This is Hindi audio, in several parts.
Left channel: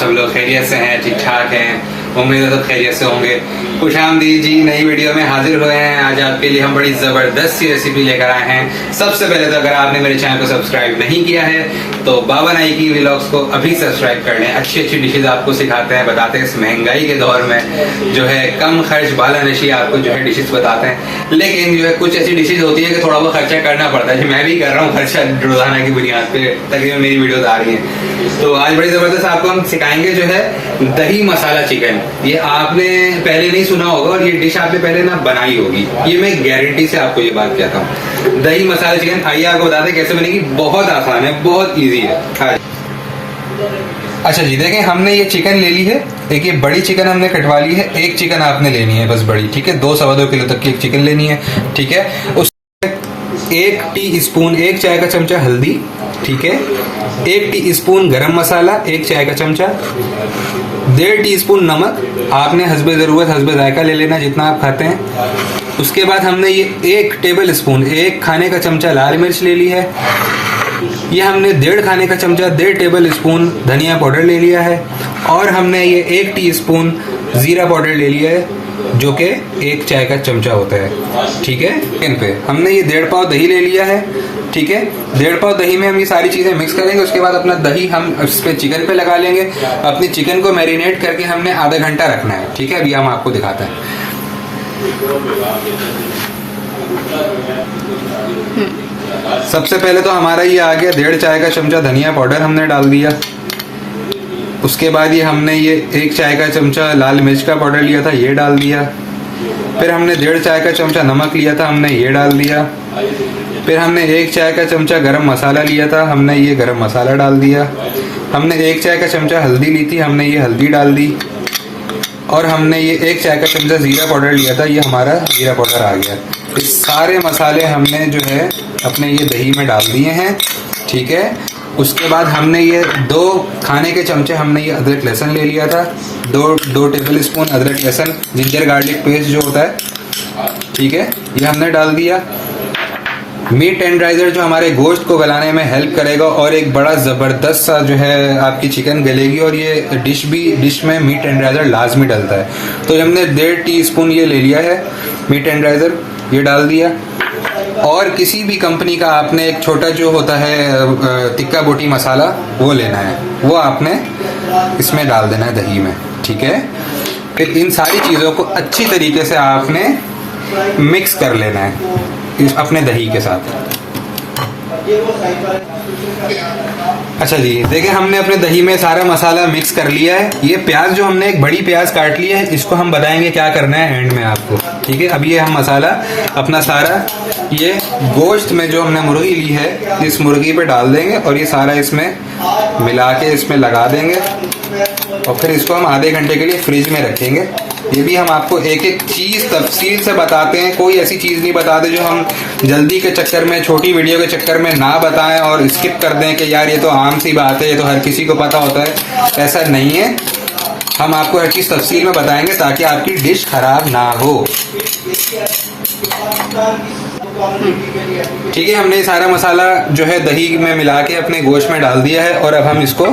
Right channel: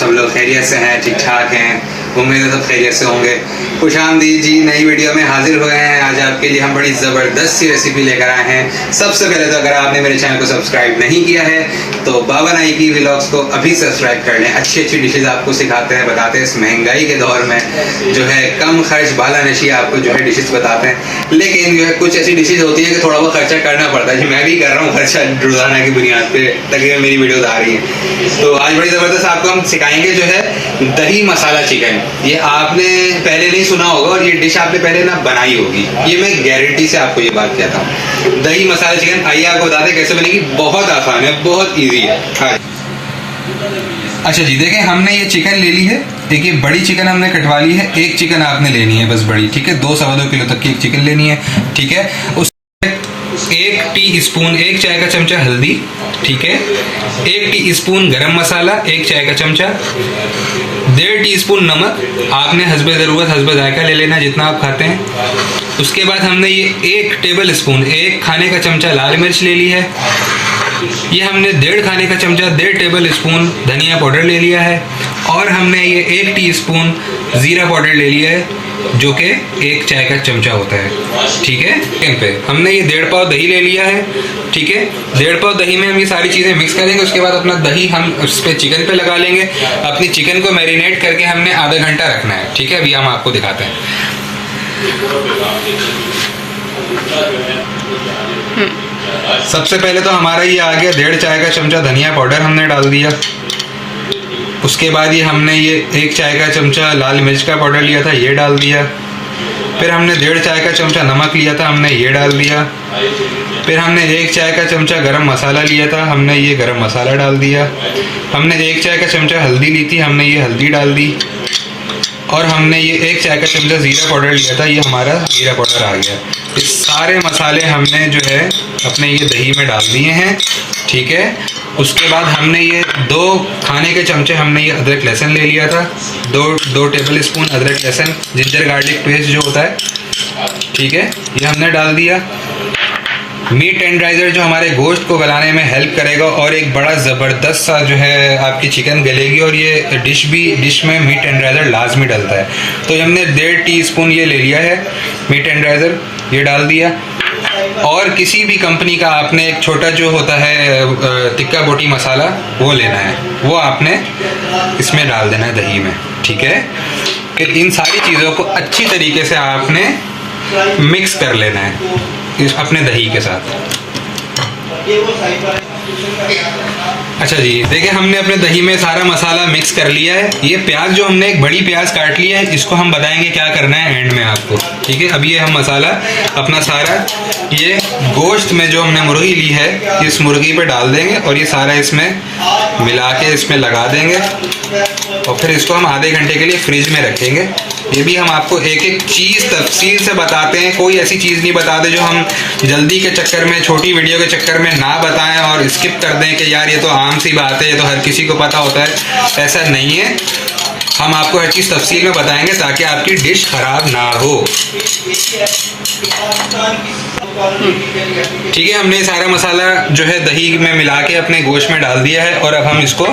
सब लोग खैरियत से हैं, ठीक ठाक हैं। उम्मीद है सब खैरियत से होंगे। खुशामदीद जी, नई वीडियो में हाजिर हुए हैं। आज आपके लिए हम बड़ी ज़बरदस्त सी रेसिपी लेकर आए हैं। सबसे पहले तो अगर आपने मेरे चैनल को सब्सक्राइब नहीं किया है तो बाबा नाई की व्लॉग्स को अभी सब्सक्राइब कर लें। अच्छी अच्छी डिशेज आपको सिखाते हैं, बताते हैं। इस महंगाई के दौर में जो है कम खर्च बाला नशी आपको जो है डिशेज बताते हैं। लेकिन जो है कुछ ऐसी डिशेज होती है कि थोड़ा बहुत खर्चा करना पड़ता है। मैं भी कर रहा हूँ खर्चा रोजाना की बुनियाद पे, तकरीबन मेरी वीडियोज आ रही हैं। तो आज बड़ी ज़बरदस्त आपको हम सिखाएंगे जो है दही मसाला चिकन। ये आपने पहले नहीं सुना होगा और ये डिश आपने पहले ना बनाई होगी, ये मैं गारंटी से आपको ये बात कहता हूँ। दही मसाला चिकन, आइए आपको बताते हैं कैसे बनेगी। बहुत आसान है, बहुत इजी है। अच्छा जी, देखें हमने ये चिकन ले ली है। एक ये बड़ी चिकन हमने कटवा ली है। एक चिकन आपने लेनी है बस बड़ी, ठीक है। 2 सवा 2 किलो तक की एक चिकन लेनी है, ठीक है। उस 1 टी स्पून, 1 चाय का चमचा हल्दी, ठीक है। 1 टी स्पून गरम मसाला, 1 चाय का चमचा, 1.5 टी स्पून नमक। आपने हस्बे ज़रूरत हस्बे जायका ले लेना जितना आप खाते हैं। उसके बाद हमने ये 1 टेबल स्पून, 1 खाने का चमचा लाल मिर्च ले ली है। ये हमने 1.5 खाने का चमचा, 1.5 टेबल स्पून धनिया पाउडर ले लिया है। और हमने ये 1 टीस्पून ज़ीरा पाउडर ले लिया है जो कि 1 चाय का चमचा होता है, ठीक है। इन पे हमने ये 1.5 पाव दही ले लिया है, ठीक है। 1.5 पाव दही में हम ये सारी चीज़ें मिक्स करेंगे। उसके बाद अपना दही हम उस पर चिकन पे लगा लेंगे। अपनी चिकन को मैरिनेट करके हमने आधा घंटा रखना है, ठीक है। अभी हम आपको दिखाते हैं। सबसे पहले तो हमारा ये आ गया 1.5 चाय का चमचा धनिया पाउडर हमने डाल दिया। उसके बाद ये हमने ये 1 चाय का चमचा लाल मिर्च का पाउडर लिया था, ये डाल दिया। फिर हमने 1.5 चाय का चमचा नमक लिया था, हमने ये डाल दिया। फिर हमने 1 चाय का चमचा गरम मसाला लिया था, हमने ये गरम मसाला डाल दिया। हमने 1 चाय का चमचा हल्दी ली थी, हमने ये हल्दी डाल दी। और हमने ये 1 चाय का चमचा ज़ीरा पाउडर लिया था, ये हमारा ज़ीरा पाउडर आ गया। ये सारे मसाले हमने जो है अपने ये दही में डाल दिए हैं, ठीक है। उसके बाद हमने ये 2 खाने के चमचे हमने ये अदरक लहसुन ले लिया था। 2 टेबल स्पून अदरक लहसुन जिंजर गार्लिक पेस्ट जो होता है, ठीक है, ये हमने डाल दिया। मीट टेंडराइज़र जो हमारे गोश्त को गलाने में हेल्प करेगा और एक बड़ा ज़बरदस्त सा जो है आपकी चिकन गलेगी। और ये डिश में मीट टेंडराइज़र लाजमी डलता है। तो हमने 1.5 टीस्पून ये ले लिया है मीट टेंडराइज़र, ये डाल दिया। और किसी भी कंपनी का आपने एक छोटा जो होता है टिक्का बोटी मसाला वो लेना है, वो आपने इसमें डाल देना है दही में, ठीक है। फिर इन सारी चीज़ों को अच्छी तरीके से आपने मिक्स कर लेना है इस अपने दही के साथ। अच्छा जी, देखिए हमने अपने दही में सारा मसाला मिक्स कर लिया है। ये प्याज जो हमने एक बड़ी प्याज काट ली है, इसको हम बताएंगे क्या करना है एंड में आपको, ठीक है। अब ये हम मसाला अपना सारा ये गोश्त में जो हमने मुर्गी ली है इस मुर्गी पे डाल देंगे और ये सारा इसमें मिला के इसमें लगा देंगे। और फिर इसको हम आधे घंटे के लिए फ्रिज में रखेंगे। ये भी हम आपको एक एक चीज़ तफसील से बताते हैं, कोई ऐसी चीज़ नहीं बताते जो हम जल्दी के चक्कर में, छोटी वीडियो के चक्कर में ना बताएं और स्किप कर दें कि यार ये तो आम सी बात है, ये तो हर किसी को पता होता है। ऐसा नहीं है, हम आपको हर चीज़ तफसील में बताएंगे ताकि आपकी डिश खराब ना हो, ठीक है। हमने सारा मसाला जो है दही में मिला के अपने गोश्त में डाल दिया है और अब हम इसको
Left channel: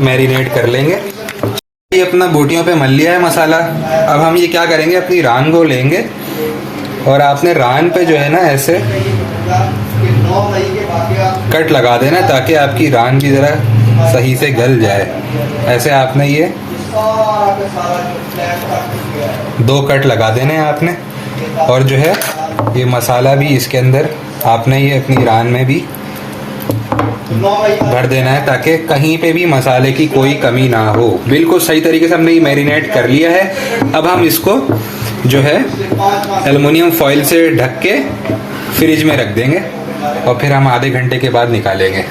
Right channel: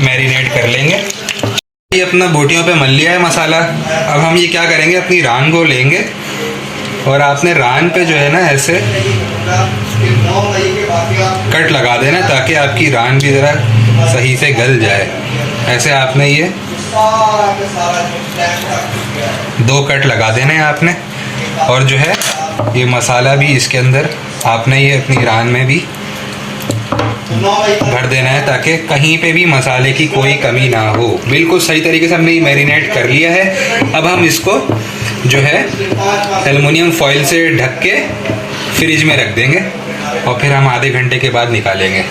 मैरिनेट कर लेंगे। ये अपना बोटियों पे मल लिया है मसाला। अब हम ये क्या करेंगे, अपनी रान को लेंगे और आपने रान पे जो है ना ऐसे कट लगा देना ताकि आपकी रान भी ज़रा सही से गल जाए। ऐसे आपने ये 2 कट लगा देने हैं आपने। और जो है ये मसाला भी इसके अंदर आपने ये अपनी रान में भी भर देना है ताकि कहीं पे भी मसाले की कोई कमी ना हो। बिल्कुल सही तरीके से हमने ये मैरिनेट कर लिया है। अब हम इसको जो है एल्युमिनियम फॉइल से ढक के फ्रिज में रख देंगे और फिर हम आधे घंटे के बाद निकालेंगे।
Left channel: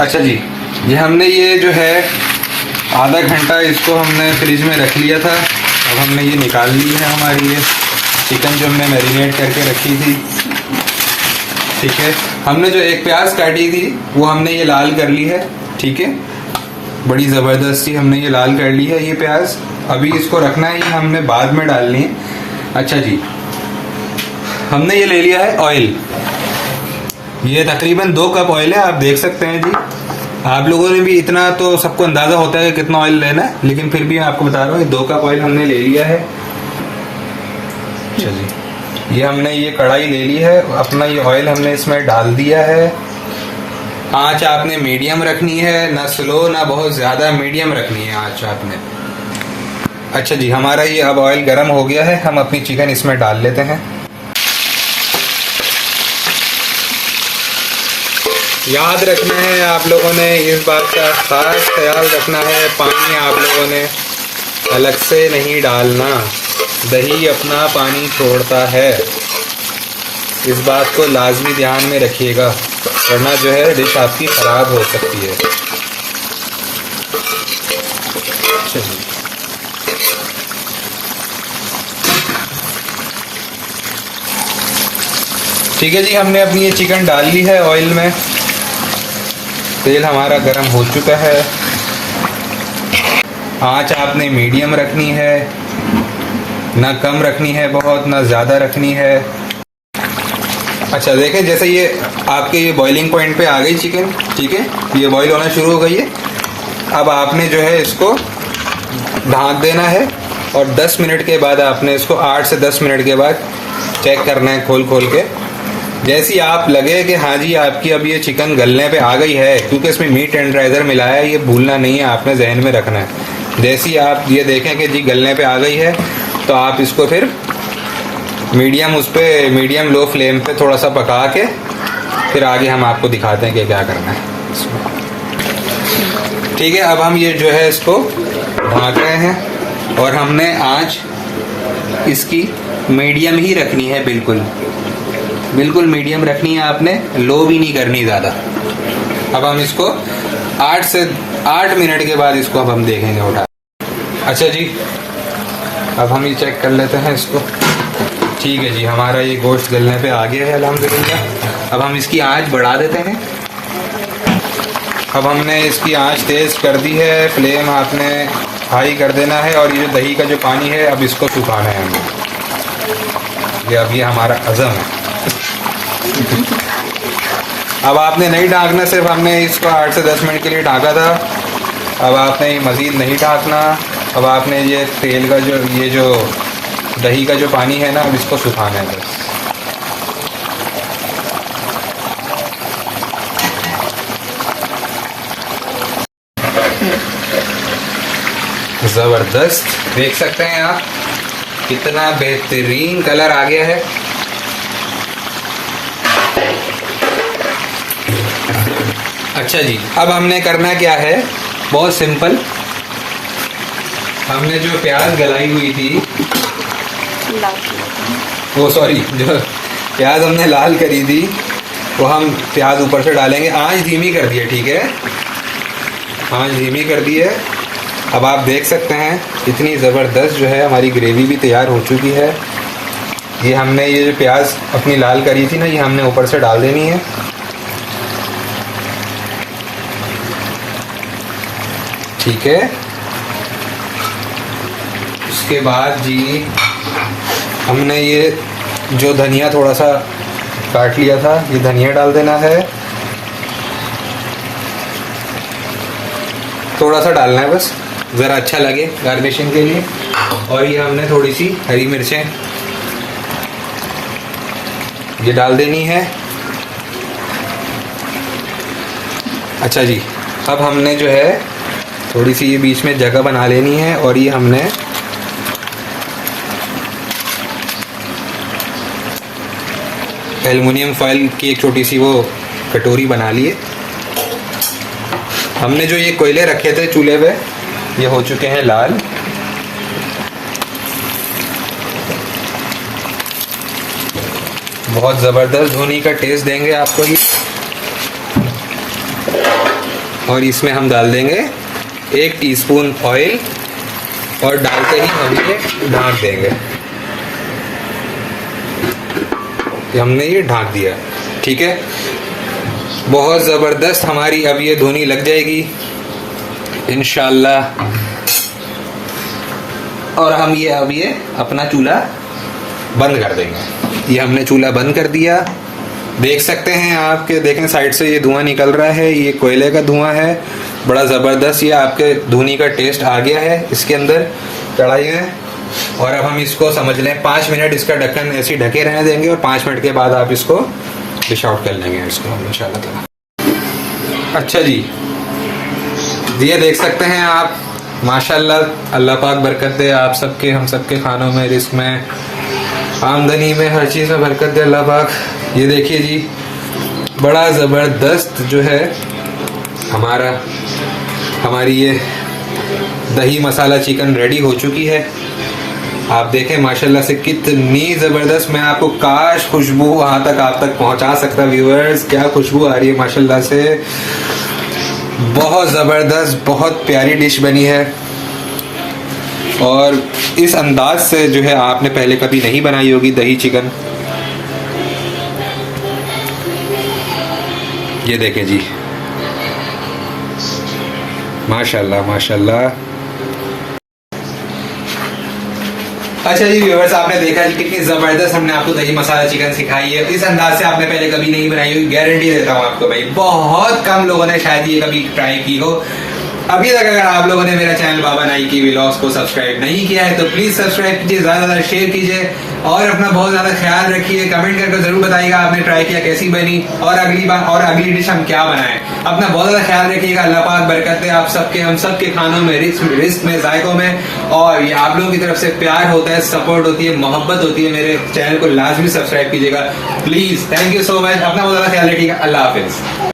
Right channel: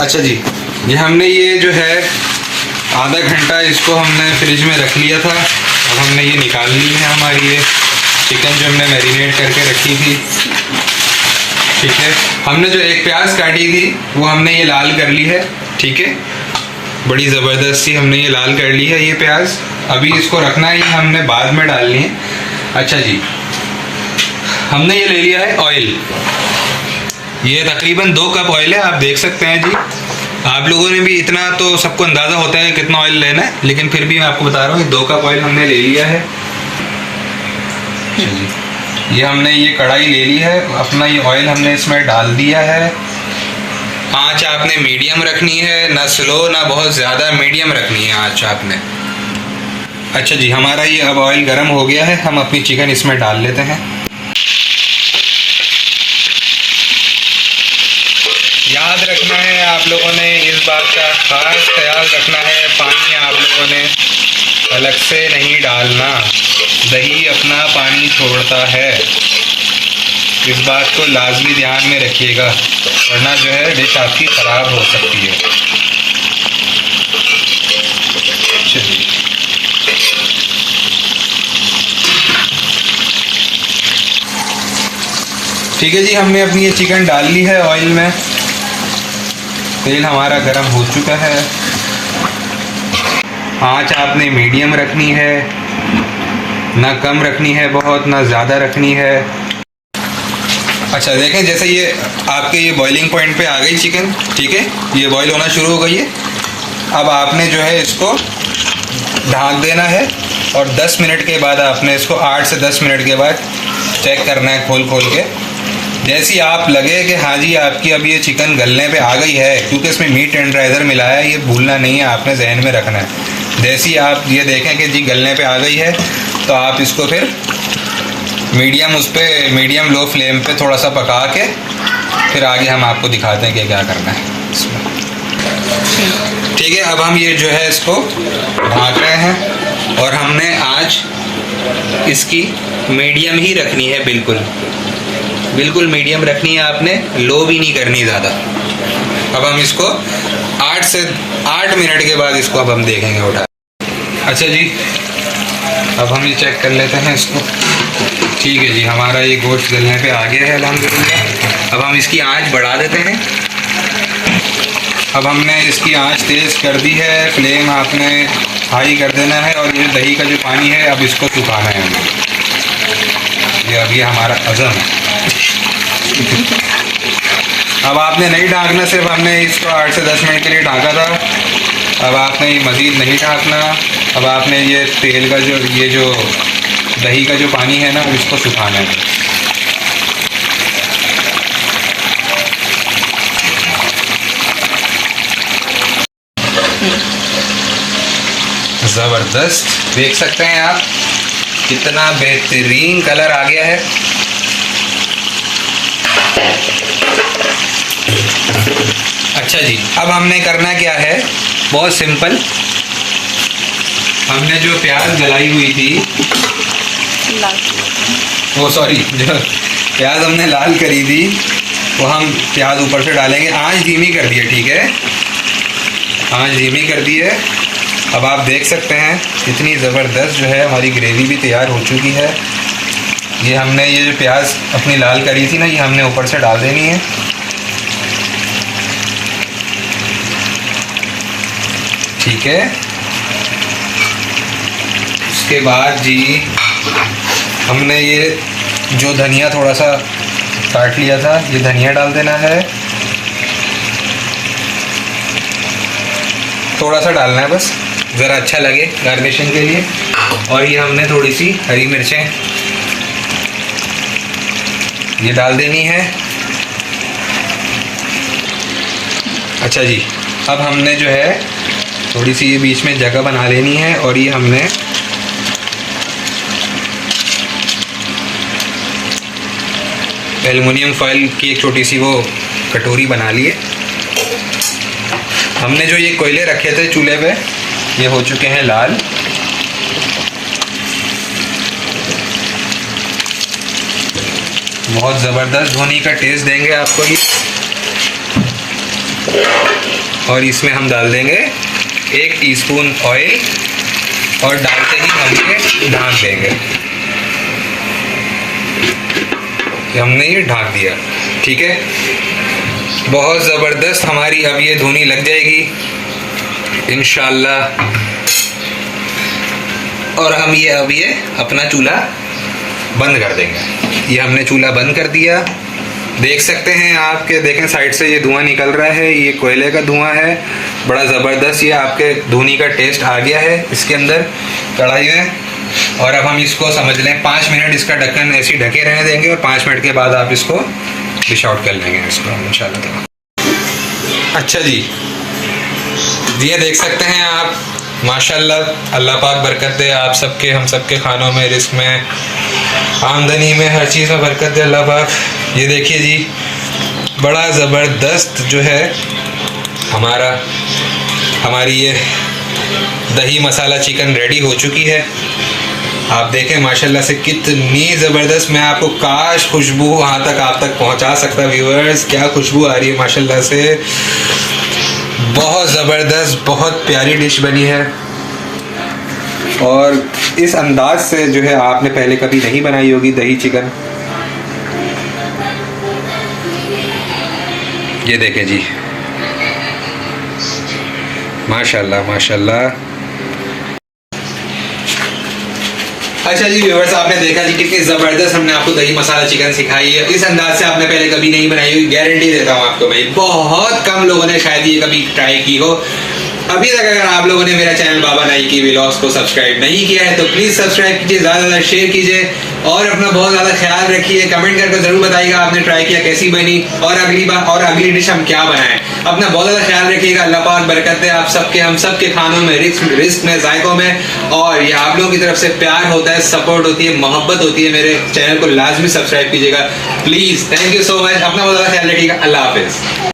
अच्छा जी, ये हमने ये जो है आधा घंटा इसको हमने फ्रिज में रख लिया था। अब हमने ये निकाल ली है हमारी ये चिकन जो हमने मैरिनेट करके रखी थी, ठीक है। हमने जो एक प्याज काटी थी वो हमने ये लाल कर ली है, ठीक है। बड़ी ज़बरदस्त सी हमने ये लाल कर ली है ये प्याज। अभी इसको रखना है, ये हमने बाद में डालनी है। अच्छा जी, हमने ये ले लिया है ऑयल। ये तकरीबन 2 कप ऑयल है, आप देख सकते हैं जी। आप लोगों ने भी इतना तो सबको अंदाज़ा होता है कि कितना ऑयल लेना है, लेकिन फिर भी मैं आपको बता रहा हूँ 2 कप ऑयल हमने ले लिया है। चलिए, ये हमने ये कढ़ाई ले ली है, अपना ये ऑयल हमने इसमें डाल दिया है। आँच आपने मीडियम रखनी है, ना स्लो ना बहुत ज़्यादा, मीडियम रखनी है आँच आपने। अच्छा जी, हमारा ये अब ऑयल गर्म हो गया है, हम अपनी चिकन इसमें डाल लेते हैं। याद रखना है आप लोगों ने, इस बात का खास ख्याल रखना है, पानी आप लोगों ने अलग से नहीं डालना, दही अपना पानी छोड़ता है, इस बात को लाजमी ध्यान में रखिएगा, वरना जो है डिश आपकी ख़राब हो सकती है। चलिए, ठीक है जी, हमने अपनी ये चिकन डाल ली है ऑयल में। तेल हमारा गर्म हो चुका है, आँच आपने मीडियम रखनी है, ना कम रखनी है बहुत, ना ज़्यादा रखनी है। अच्छा देखें, जैसे ये आपके ये बॉइलिंग पॉइंट पे आ गई चिकन, ठीक है, ये बॉईल होना शुरू हो गई है। अब आपने जो है इसको ढाँक देना है और 10 मिनट के बाद आपने इसको 8 से 10 मिनट के बाद चेक करना है खोल खोल के। जैसी आप लगे कि हाँ जी आपकी अब ये चिकन गलने पे आ गई है, क्योंकि इसमें मीट टेंडराइज़र मिलाया है, ये भूलना नहीं है, आपने जहन में रखना है। जैसी आप ये देखें कि जी गलने पे आ गई है, तो आप इसको फिर मीडियम उस पर मीडियम लो फ्लेम पे थोड़ा सा पका के फिर आगे हम आपको दिखाते हैं कि क्या करना है इसमें। ठीक है, अब हम ये जो है इसको ढाँक रहे हैं और हमने आँच इसकी मीडियम ही रखनी है, बिल्कुल बिल्कुल मीडियम रखनी है आपने, लो भी नहीं करनी ज़्यादा। अब हम इसको 8 से 8 मिनट के बाद इसको अब हम देखेंगे उठा। अच्छा जी, अब हम ये चेक कर लेते हैं इसको। ठीक है जी, हमारा ये गोश्त गलने पे आ गया है अल्हम्दुलिल्लाह। अब हम इसकी आंच बढ़ा देते हैं। अब हमने इसकी आंच तेज़ कर दी है, फ्लेम आपने हाई कर देना है और ये दही का जो पानी है अब इसको सुखाना है हमें। ये अब ये हमारा अज़म है। अब आपने नहीं ढाँकना, सिर्फ हमने इसको 8 से 10 मिनट के लिए ढाँका था। अब आपने मज़ीद नहीं ढाँकना। अब आपने ये तेल का जो ये जो दही का जो पानी है ना उसको सुखाना है। ज़बरदस्त, देख सकते हैं आप कितना बेहतरीन कलर आ गया है। अच्छा जी, अब हमने करना क्या है, बहुत सिंपल। हमने जो प्याज गलाई हुई थी, वो सॉरी जो प्याज हमने लाल करी थी वो हम प्याज ऊपर से डालेंगे। आंच धीमी कर दी है, ठीक है, आंच धीमी कर दी है। अब आप देख सकते हैं इतनी ज़बरदस्त जो है हमारी ग्रेवी भी तैयार हो चुकी है। ये हमने ये जो प्याज अपनी लाल करी थी ना, ये हमने ऊपर से डाल देनी है। ठीक है, उसके बाद जी हमने ये जो धनिया थोड़ा सा काट लिया था, ये धनिया डाल देना है, थोड़ा सा डालना है बस, ज़रा अच्छा लगे गार्निशिंग के लिए। और ये हमने थोड़ी सी हरी मिर्चें ये डाल देनी है। अच्छा जी, अब हमने जो है थोड़ी सी बीच में जगह बना लेनी है और ये हमने एल्युमिनियम फॉइल की एक छोटी सी वो कटोरी बना ली है। हमने जो ये कोयले रखे थे चूल्हे पे, ये हो चुके हैं लाल। बहुत ज़बरदस्त धुनी का टेस्ट देंगे आपको ये। और इसमें हम डाल देंगे 1 टीस्पून ऑयल और डालते ही हम ये ढाँक देंगे। हमने ये ढाँक दिया, ठीक है। बहुत ज़बरदस्त हमारी अब ये धुनी लग जाएगी इंशाल्लाह। और हम ये अब ये अपना चूल्हा बंद कर देंगे। ये हमने चूल्हा बंद कर दिया देख सकते हैं आपके, देखें साइड से ये धुआं निकल रहा है, ये कोयले का धुआं है, बड़ा ज़बरदस्त। ये आपके धुनी का टेस्ट आ गया है इसके अंदर कढ़ाई में। और अब हम इसको समझ लें 5 मिनट इसका ढक्कन ऐसे ही ढके रहने देंगे और 5 मिनट के बाद आप इसको डिश आउट कर लेंगे इसको इंशाल्लाह। अच्छा जी, ये देख सकते हैं आप, माशाल्लाह, अल्लाह पाक बरकत दे आप सबके, हम सबके खानों में, रिस्क में, आमदनी में, हर चीज़ में बरकत दे अल्लाह पाक। ये देखिए जी, बड़ा ज़बरदस्त जो है हमारी ये दही मसाला चिकन रेडी हो चुकी है। आप देखें माशाल्लाह से कितनी ज़बरदस्त, मैं आपको काश खुशबू वहाँ तक आप तक पहुँचा सकता व्यूअर्स, क्या खुशबू आ रही है माशाल्लाह से, बहुत ज़बरदस्त, बहुत प्यारी डिश बनी है। और इस अंदाज से जो है आपने पहले कभी नहीं बनाई होगी दही चिकन। ये देखें जी, माशाल्लाह माशाल्लाह। अच्छा जी व्यूअर्स, आपने देखा जी कितनी ज़बरदस्त हमने आपको दही मसाला चिकन सिखाई है। इस अंदाज से आपने पहले कभी नहीं बनाई होगी, गारंटी देता हूँ आपको भाई। बहुत कम लोगों ने शायद ये कभी ट्राई की हो। अभी तक अगर आप लोगों ने मेरा चैनल बाबा नाइकी व्लॉग्स को सब्सक्राइब नहीं किया है तो प्लीज़ सब्सक्राइब कीजिए, ज़्यादा से ज़्यादा शेयर कीजिए और अपना बहुत ज़्यादा ख्याल रखिए। कमेंट करके ज़रूर बताइएगा आपने ट्राई किया कैसी बनी और अगली बार और अगली डिश हम क्या बनाएं। अपना बहुत ज़्यादा ख्याल रखिएगा। अल्लाह पाक बरकत दे आप सबके, हम सबके खानों में, रिस्क में, जायकों में। और ये आप लोगों की तरफ से प्यार होता है, सपोर्ट होती है, मोहब्बत होती है। मेरे चैनल को लाजमी सब्सक्राइब कीजिएगा please. Thank you so much. अपना बहुत ज़्यादा ख्याल रखिएगा। अल्लाह हाफिज़।